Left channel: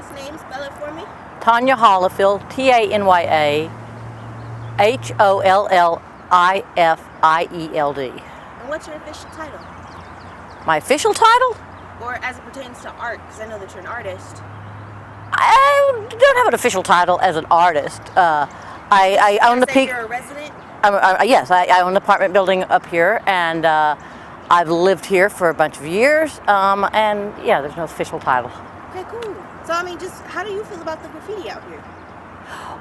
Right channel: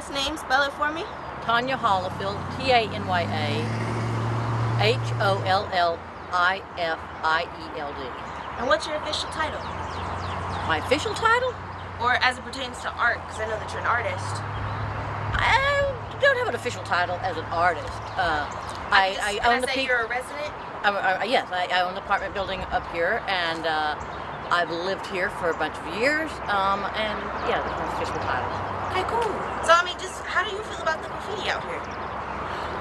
last name? Spell it for me. Tanya Hollifield, Tanya-Hollifiled. And what's your official title? My official title? Or as it pertains to art, because I know that you're an artist. I don't have an official title as an artist. I own the peak. You're a resident? Yes, I own an apartment building up here, and I've lived here for a bunch of years. And yeah, there's no official title. Okay, cool. So I mean, just how do you feel about the graffiti out here?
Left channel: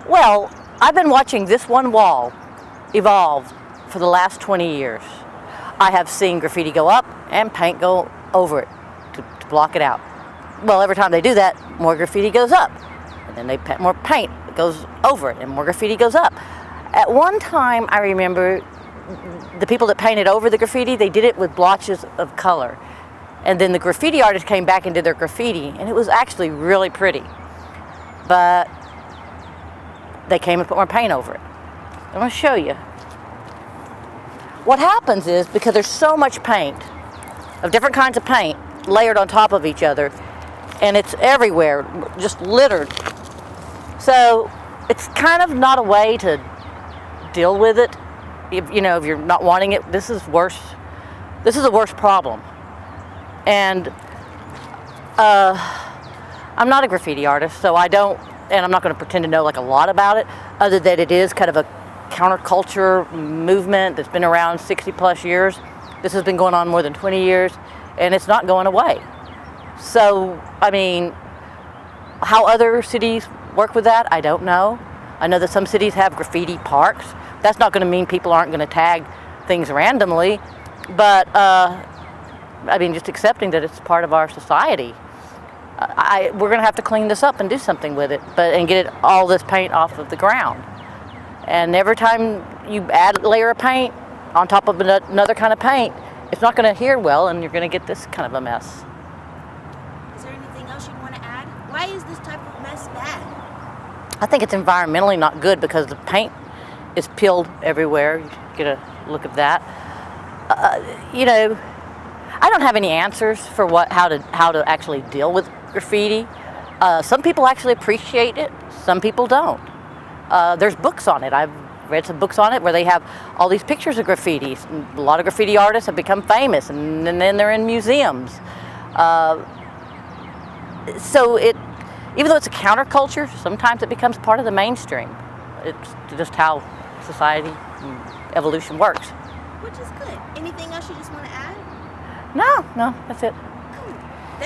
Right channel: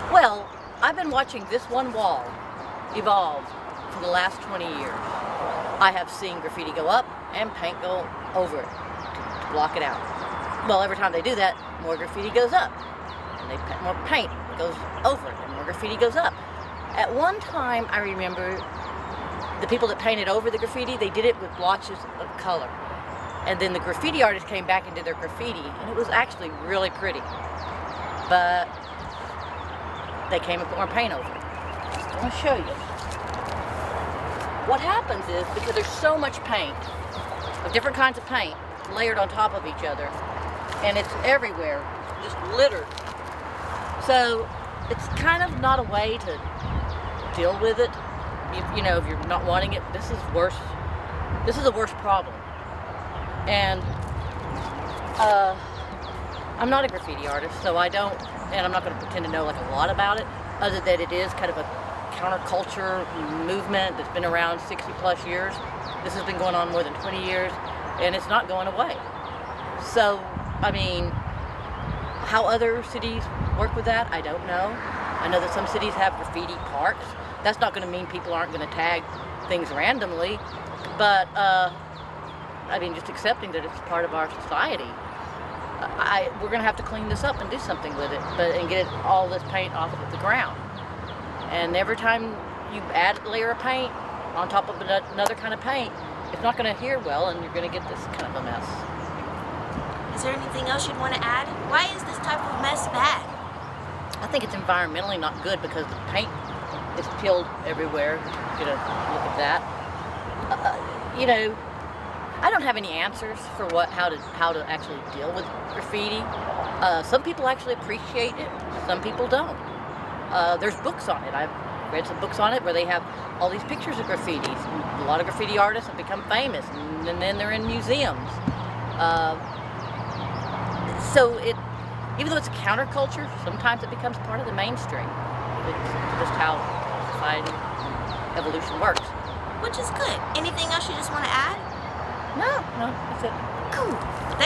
Well, I've been watching this one wall evolve for the last 20 years. I have seen graffiti go up and paint go over it to block it out. Well, every time they do that, more graffiti goes up. And then they put more paint goes over it and more graffiti goes up. At one time, I remember the people that painted over the graffiti, they did it with blotches of color. And then the graffiti artists came back and did their graffiti, and it was actually really pretty. But they came and put more paint over it. I'm going to show you. What happens is, because there's so much paint, of different kinds of paint, layered on top of each other, and it's everywhere, just littered. So it's kind of not a way to deal with it. If you're not wanting it, this is worse. This is a worse problem. And I'm not a graffiti artist, so I'm not going to pretend to know like a lot about it, other than it is kind of a counterculture movement that's been around 60 plus years. This has been going on more than 20 years, and it's not going away. So, I mean, how other cities work with that, I don't know. I know that some cities have graffiti parks. That's not going to mean people aren't going to tag things randomly, but I mean, just accepting that it's part of our society. We're going to have to clean this up and do something with it, and get all this paint off of the ground. And every time you add a layer of paint on top of another kind of paint, it's not going to adhere well, and you're going to get this kind of a mess. Is there anything else you'd want to add? Why is this type of mess bad? I think it's environmentally not good because the paint is peeled everywhere. Get a look at that. I don't have any answers for how to actually deal with graffiti. Some people actually appreciate it. Some people don't. There's books on it. I've read some books on it where they have all these pictures of graffitis. And a lot of graffiti artists have become famous, and then they're in museums. So even though it's a counterculture, sometimes it becomes part of the mainstream. It's just how society and evolution works. Which is good. Anything else you just want to add? No, that's it. Cool.